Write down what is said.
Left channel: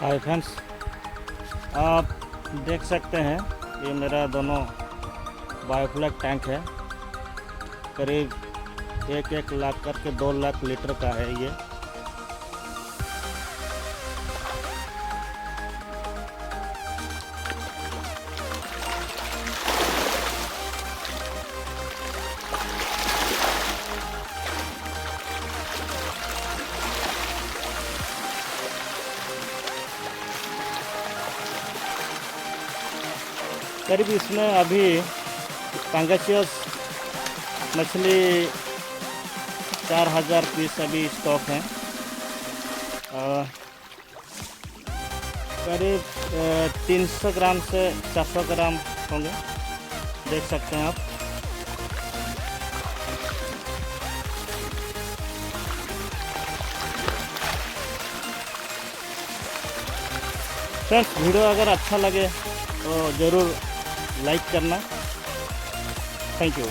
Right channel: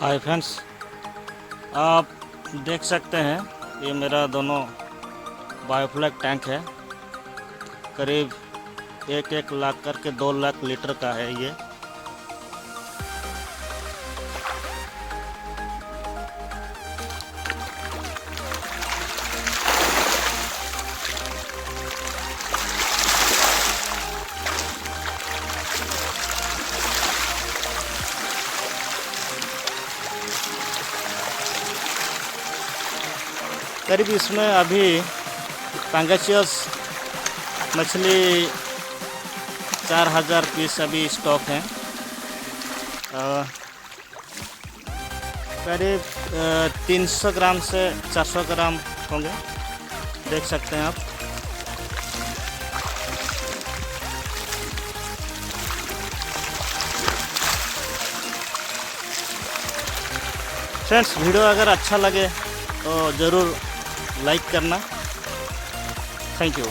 Hi friends, आप देख सकते हैं ये मेरा दोनों बायोफ्लैक टैंक है। करीब 1 लाख करके 2 लाख लीटर का है ये। करीब इसमें अभी पैंगेशियस मछली 4000 पीस अभी स्टॉक हैं। करीब 300 ग्राम से 400 ग्राम होंगे, देख सकते हैं आप। फ्रेंड्स, वीडियो अगर अच्छा लगे तो ज़रूर लाइक करना। Thank you.